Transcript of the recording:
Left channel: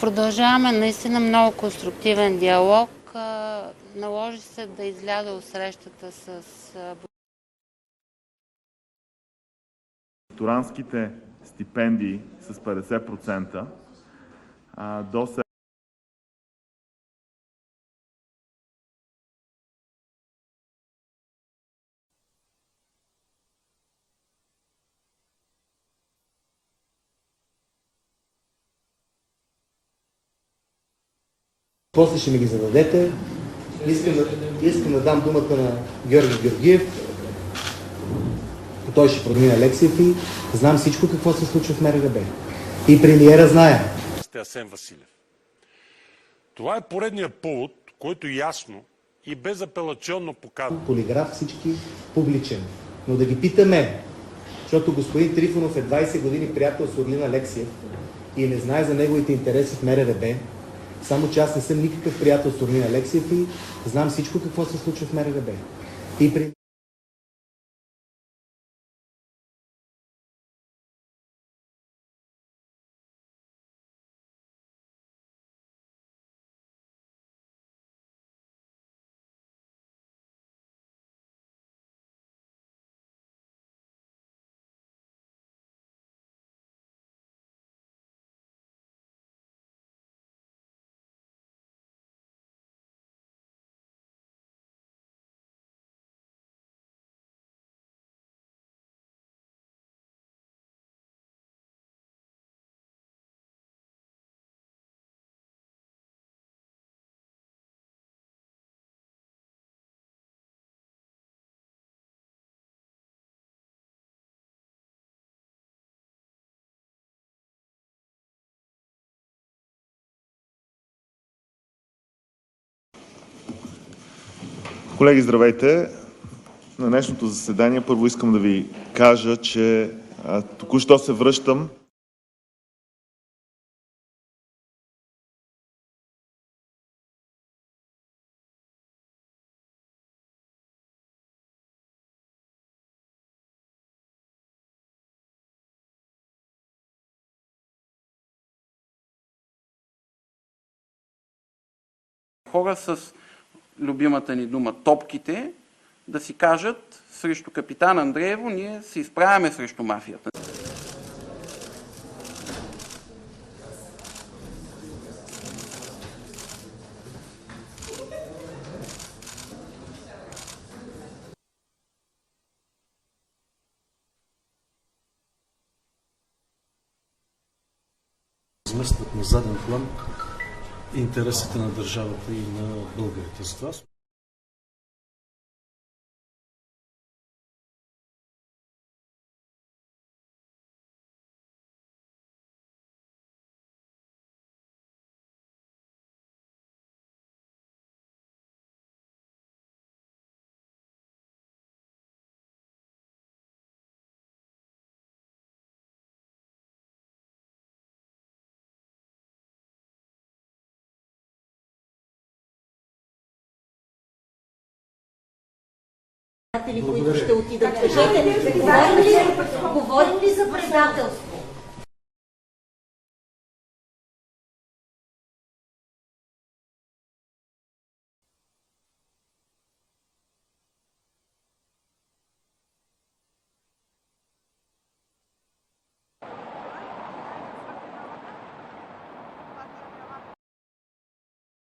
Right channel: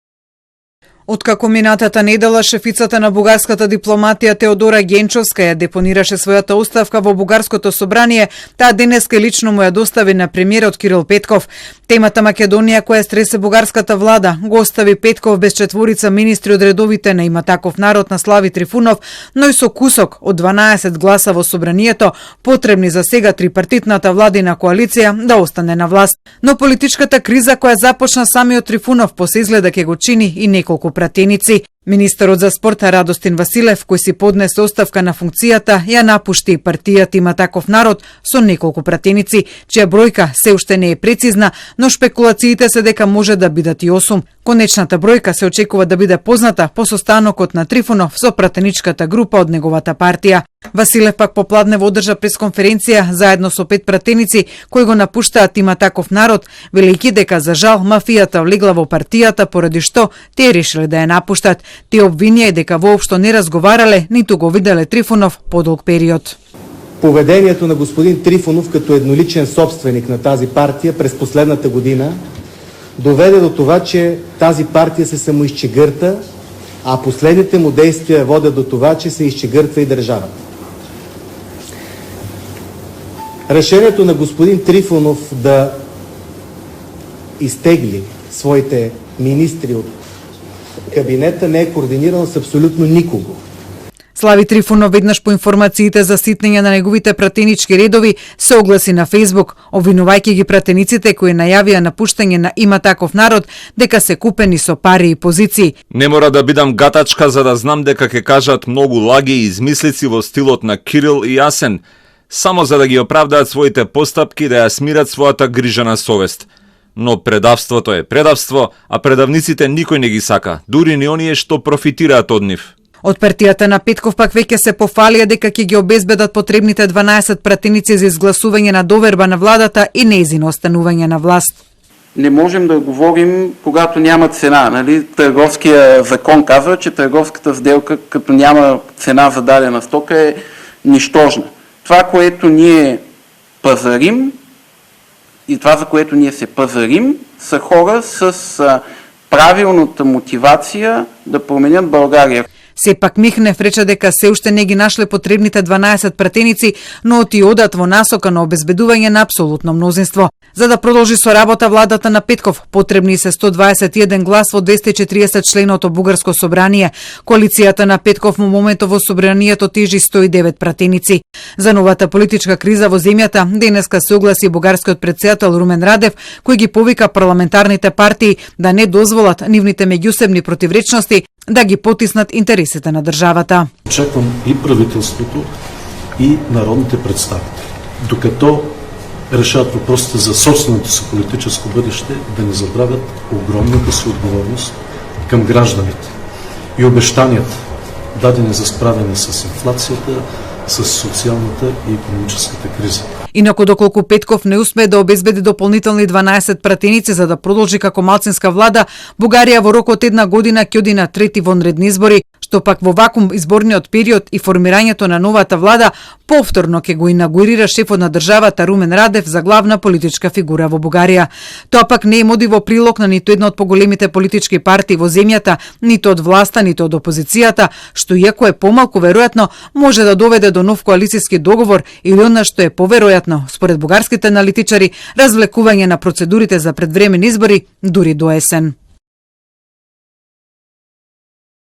Продолжаваме наистина. Откако минатата недела шефицата на бугарската дипломатија Теодора Генчовска ја депонираше својата оставка во бугарското собрание, таа денеска лично му ја достави на премиерот Кирил Петков. Темата Македонија која стресе бугарската влада го остави Петков без четворица министри од редовите на Има таков народ на Слави Трифунов, но и со кусок од 12 гласа во собранието, потребни за сега трипартитната владина коалиција да остане на власт. Но политичката криза која започна самиот Трифунов после изгледа ќе го чини и неколку пратеници. Министерот за спорта Радостин Василев, кој си поднесе оставка на функцијата, ја напушти партијата Има таков народ со неколку пратеници, чија бројка се уште не е прецизна, но шпекулациите се дека може да бидат и 8. Конечната бројка се очекува да биде позната по состанокот на Трифунов со пратеничката група од неговата партија. Василев пак попладнево одржа пресконференција заедно со 5 пратеници кои го напуштаат Има таков народ, велејќи дека за жал мафијата влегла во партијата поради што тие решиле да ја напуштат. Тие обвинија дека воопшто не разговарале, ниту го виделе Трифунов подолг период. Поведението на господин Трифунов като едноличен собственик на тази партия през последната година доведе до това, че тази партия се самоизчегърта, а последните му действия водят до това, че се изчегъртва и държавата. Решението на господин Трифунов да изтегли своите министри от кабинета не е координирано с абсолютно никого. Слави Трифунов веднаш по информациите за ситнење на неговите пратенички редови се огласи на Фејсбук, обвинувајќи ги пратениците кои најавија напуштање на Има таков народ дека се купени со пари и позиции. Не мора да бидам гатачка за да знам дека ќе кажат многу лаги и измислици во стилот на Кирил и Асен, само за да ги оправдаат своите постапки да ја смират својата грижа на совест. Но предавството е предавство, а предавниците никој не ги сака, дури ни оние што профитираат од нив. Од партијата на Петков пак веќе се пофалија дека ќе ги обезбедат потребните 12 пратеници за изгласување на доверба на владата и нејзино останување на власт. Не можем да говорим, когато няма цена. Нали? Търговския закон казва, че търговската сделка, като няма цена за дадена стока, е нищожна. Това, което ние пазарим и това, за което ние се пазарим, са хора с правилната мотивација да променят Българија. Сепак Михнев рече дека се уште не ги нашле потребните 12 пратеници, но ти одат во насока на обезбедување на апсолутно мнозинство. За да продолжи со работа владата на Петков, потребни се 121 глас во 240 членото бугарско собрание. Коалицијата на Петков во моментот во собранието тежи 109 пратеници. За новата политичка криза во земјата денеска се огласи бугарскиот претседател Румен Радев, кој ги повика парламентарните партии да не дозволат нивните меѓусебни противречности да ги потиснат интересите на државата. Очаквам и правителството, и народните представители, докато решават въпросите за собственото си политическо бъдеще, да не забравят огромната си отговорност към гражданите и обещанията, дадени за справяне с инфлацията, с социалната и икономическата криза. Инаку доколку Петков не успее да обезбеди дополнителни 12 пратеници за да продолжи како малцинска влада, Бугарија во рок од една година ќе оди на трети вонредни избори, што пак во вакуум изборниот период и формирањето на новата влада повторно ќе го инаугурира шефот на државата Румен Радев за главна политичка фигура во Бугарија. Тоа пак не им оди во прилог на ниту една од поголемите политички партии во земјата, ниту од власта, ниту од опозицијата, што иако е помалку веројатно, може да доведе до нов коалицијски договор или она што е поверојатно, според бугарските аналитичари, развлекување на процедурите за предвремени избори дури до есен.